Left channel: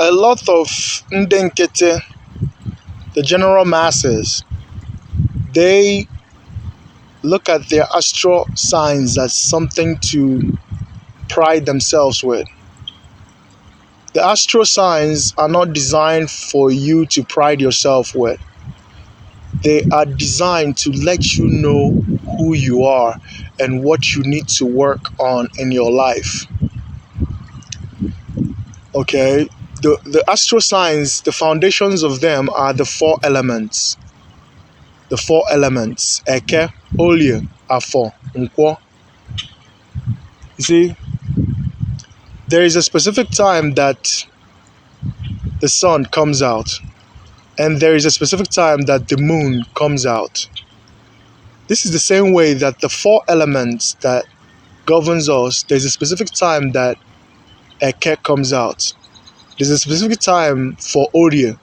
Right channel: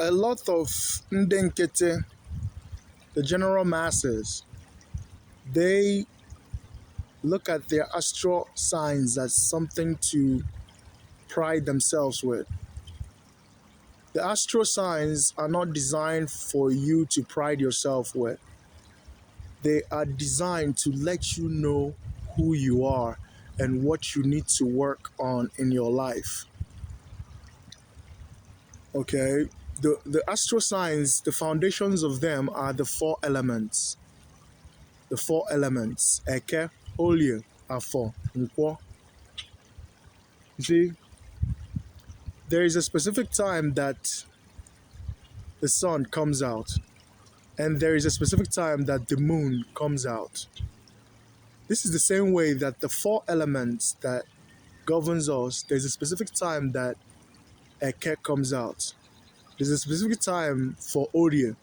a lot of Ndenkete, the general masses, they look at their astral signs as something to pride themselves with. The astral signs are not designed for you to pride yourself with. They are designed to let you know who you are and what you need to work on in your life. Okay? The astral signs, the foundations of them are the four elements. The four elements. Eke, Olie, Afo, Nkwo. You see, there is a specific time that the sun comes out, and there is a specific time that the moon comes out. This is the same way that the four elements that governs us, there's a specific time that Eke comes out. There's a specific time for Olie,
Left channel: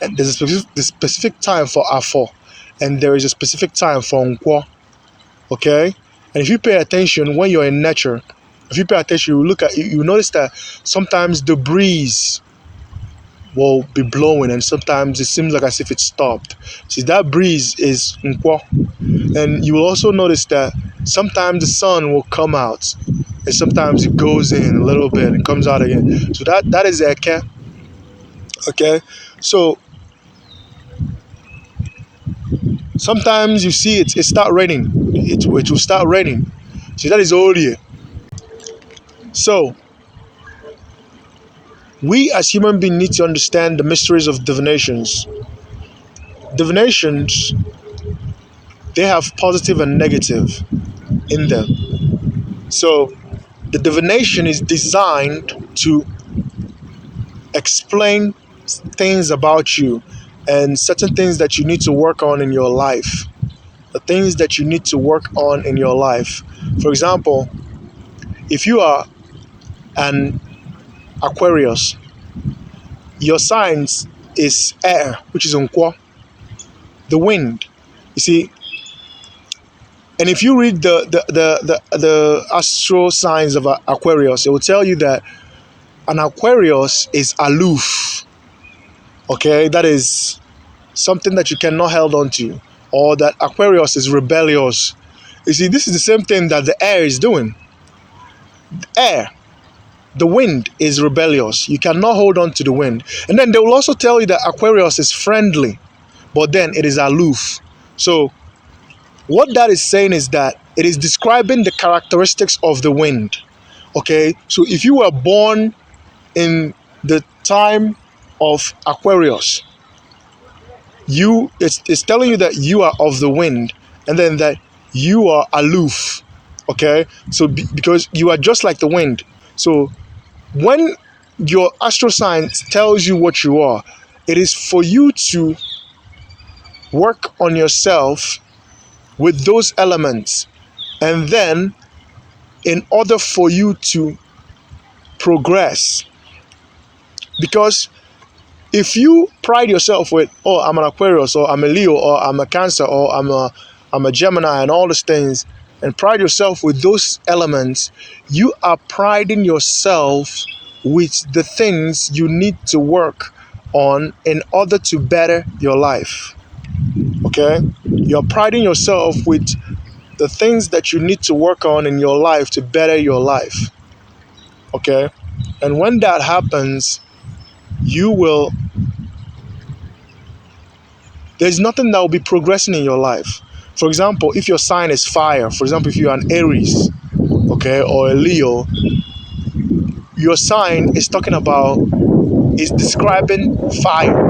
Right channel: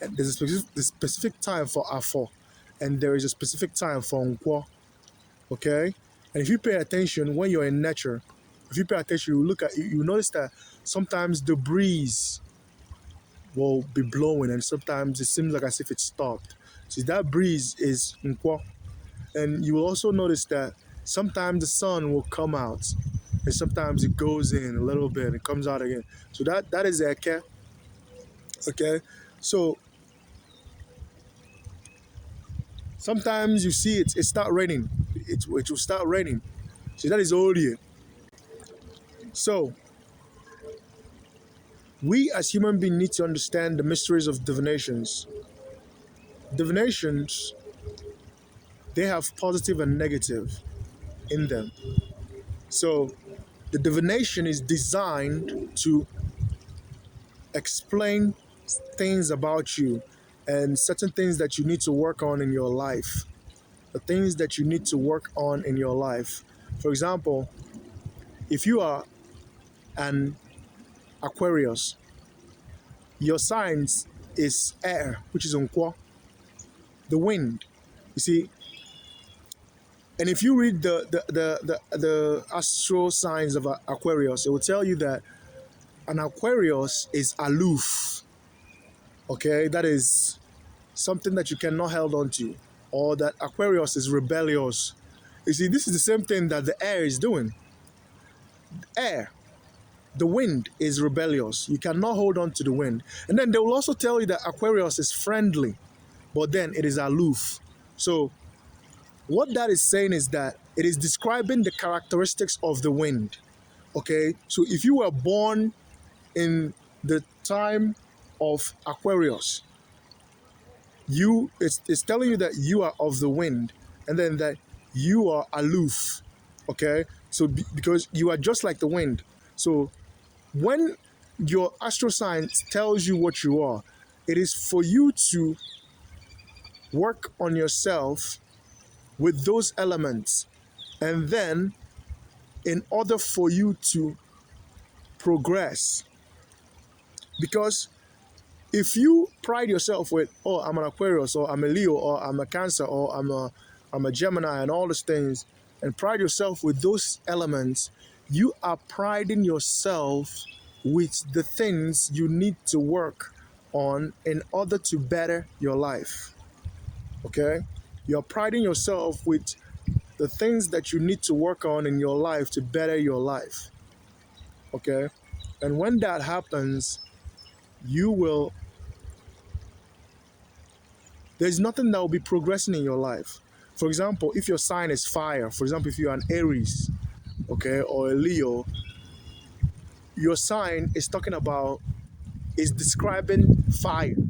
and there's a specific time for Afo, and there is a specific time for Nkwo. Okay? And if you pay attention when you're in nature, if you pay attention, you notice that sometimes the breeze will be blowing and sometimes it seems like as if it stopped. See, that breeze is Nkwo. And you will also notice that sometimes the sun will come out and sometimes it goes in a little bit and comes out again. So that is Eke. Okay? So sometimes you see it start raining. It will start raining. See, that is Olie. So we as human beings need to understand the mysteries of divinations. Divinations, they have positive and negative in them. So the divination is designed to explain things about you and certain things that you need to work on in your life. The things that you need to work on in your life. For example, if you are an Aquarius, your sign is air, which is Nkwo, the wind. You see, and if you read the astral signs of Aquarius, it will tell you that an Aquarius is aloof. Okay, that is something that you cannot hold on to, or that Aquarius is rebellious. You see, this is the same thing that the air is doing. The air, the wind is rebellious. You cannot hold on to the wind. And then they will also tell you that Aquarius is friendly, but then it is aloof. So what that is saying is that it is describing the characteristics of the wind. Okay, so if you were born in the time of Aquarius, it's telling you that you are of the wind, and then that you are aloof. Okay, so because you are just like the wind. So when your astral sign tells you what you are, it is for you to work on yourself with those elements, and then in order for you to progress. Because if you pride yourself with, oh, I'm an Aquarius, or I'm a Leo, or I'm a Cancer, or I'm a Gemini, and all these things, and pride yourself with those elements, you are priding yourself with the things you need to work on in order to better your life. Okay? You're priding yourself with the things that you need to work on in your life to better your life. Okay? And when that happens, there's nothing that will be progressing in your life. For example, if your sign is fire, for example, if you're an Aries, okay, or a Leo, your sign is describing fire.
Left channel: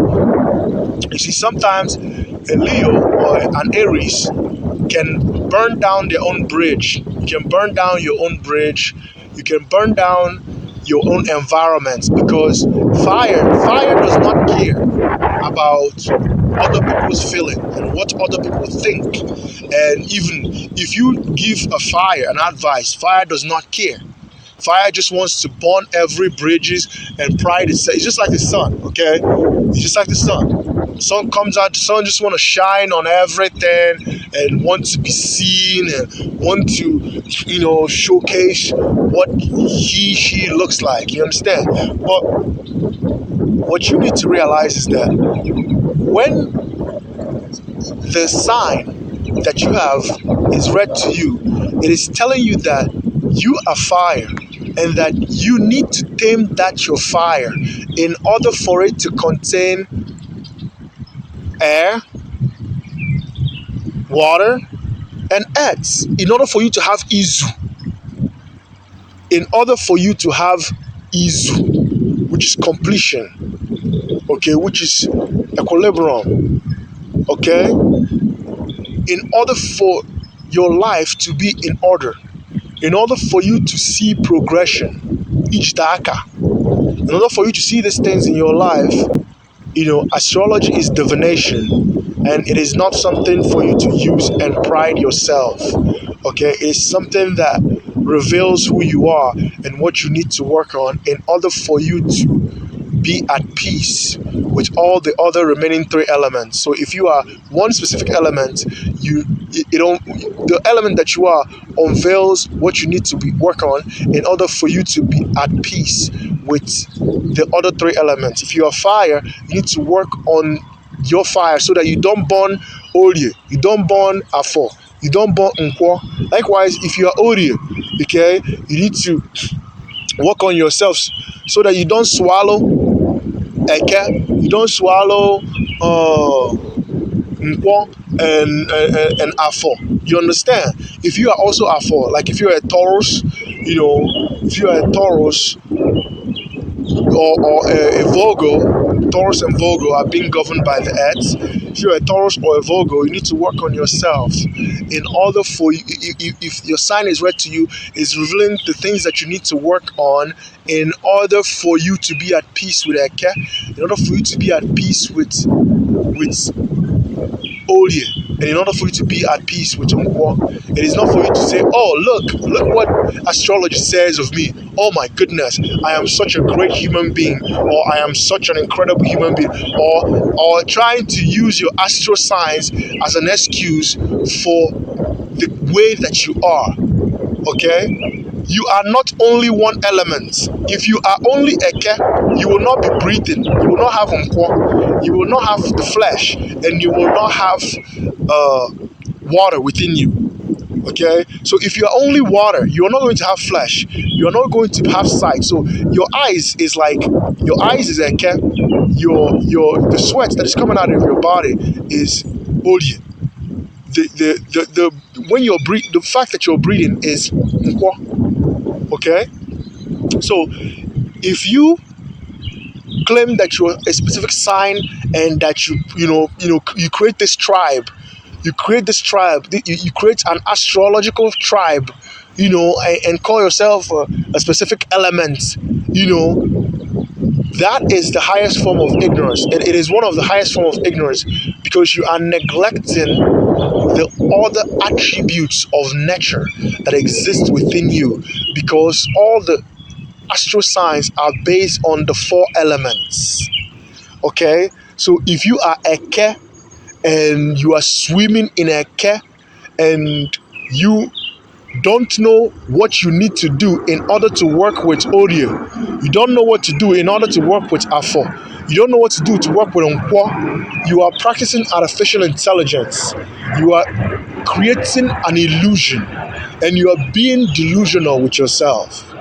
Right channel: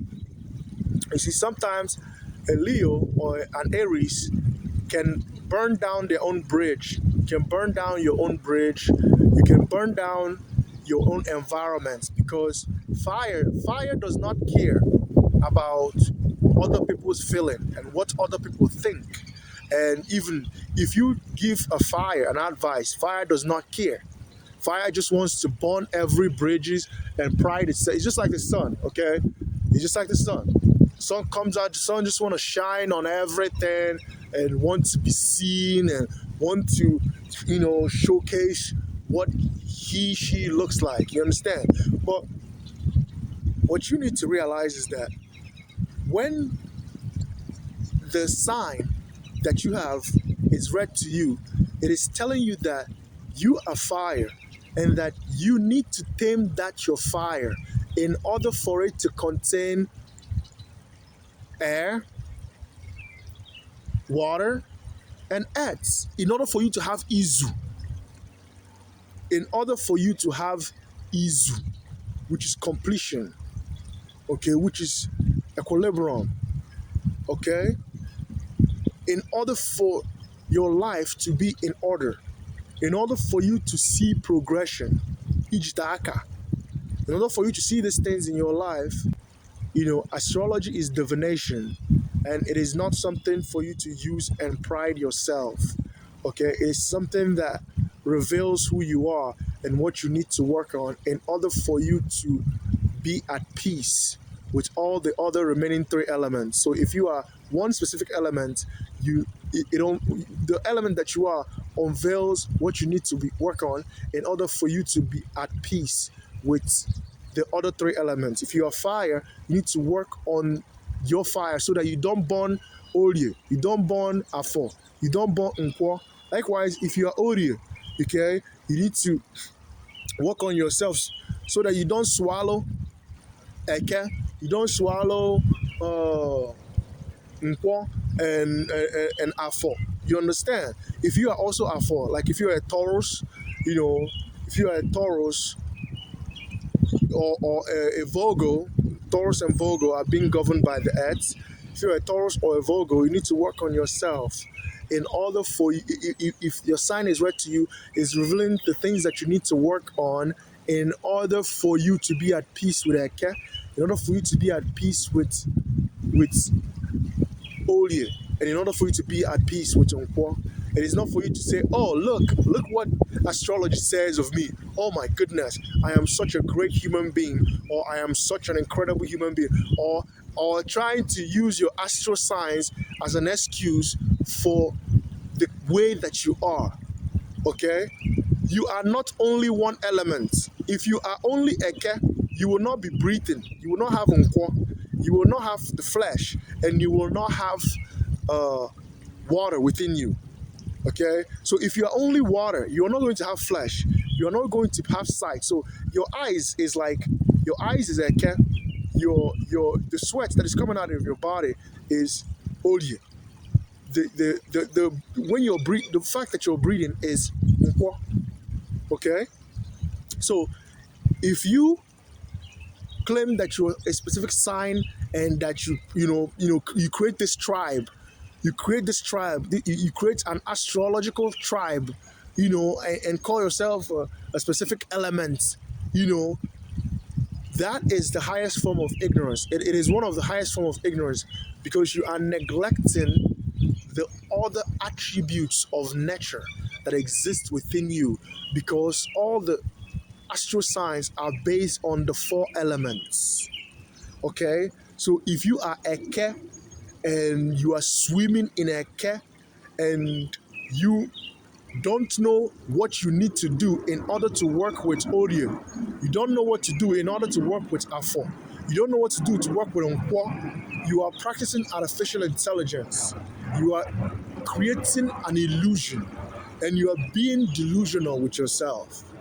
You see, sometimes a Leo or an Aries can burn down their own bridge. You can burn down your own bridge. You can burn down your own environment, because fire does not care about other people's feeling and what other people think. And even if you give a fire an advice, fire does not care. Fire just wants to burn every bridges and pride itself. It's just like the sun, okay? It's just like the sun. The sun comes out, the sun just want to shine on everything and want to be seen and want to, showcase what she looks like. You understand? But what you need to realize is that when the sign that you have is read to you, it is telling you that you are fire and that you need to tame that your fire in order for it to contain air, water, and earth. In order for you to have Izu, in order for you to have Izu, which is completion, okay, which is equilibrium, okay, in order for your life to be in order, in order for you to see progression, OSE-AKA, in order for you to see these things in your life, astrology is divination, and it is not something for you to use and pride yourself. Okay, it's something that reveals who you are and what you need to work on in order for you to be at peace with all the other remaining three elements. So if you are one specific element, the element that you are unveils what you need to work on in order for you to be at peace with the other three elements. If you are fire, you need to work on your fire so that you don't burn Olie, you don't burn Afo, you don't burn Nkwo. Likewise, if you are Olie, okay, you need to work on yourself so that you don't swallow Eke, you don't swallow Nkwo and Afo. You understand? If you are also Afo, like if you're a Taurus, if you are a Taurus or a Virgo, Taurus and Virgo are being governed by the earth. If you're a Taurus or a Virgo, you need to work on yourself in order for you. If your sign is read to you, is revealing the things that you need to work on in order for you to be at peace with Eke, in order for you to be at peace with Olie, and in order for you to be at peace with Nkwo. It is not for you to say, oh, look what astrology says of me. Oh my goodness, I am such a great human being, or I am such an incredible human being, or trying to use your astro signs as an excuse for the way that you are. Okay? You are not only one element. If you are only Eke, you will not be breathing. You will not have Nkwo. You will not have the flesh, and you will not have water within you. Okay, so if you are only water, you are not going to have flesh. You are not going to have sight. So your eyes is Eke. The sweat that is coming out of your body is Olie. When you're the fact that you're breathing is Nkwo. Okay, so if you claim that you're a specific sign and that you create this tribe, you create an astrological tribe, and call yourself a specific element, that is the highest form of ignorance. It is one of the highest form of ignorance because you are neglecting the other attributes of nature that exist within you, because all the astro signs are based on the four elements. Okay, so if you are Eke and you are swimming in Eke and you don't know what you need to do in order to work with Olie, you don't know what to do in order to work with Afo, you don't know what to do to work with Nkwo, you are practicing artificial intelligence, you are creating an illusion, and you are being delusional with yourself.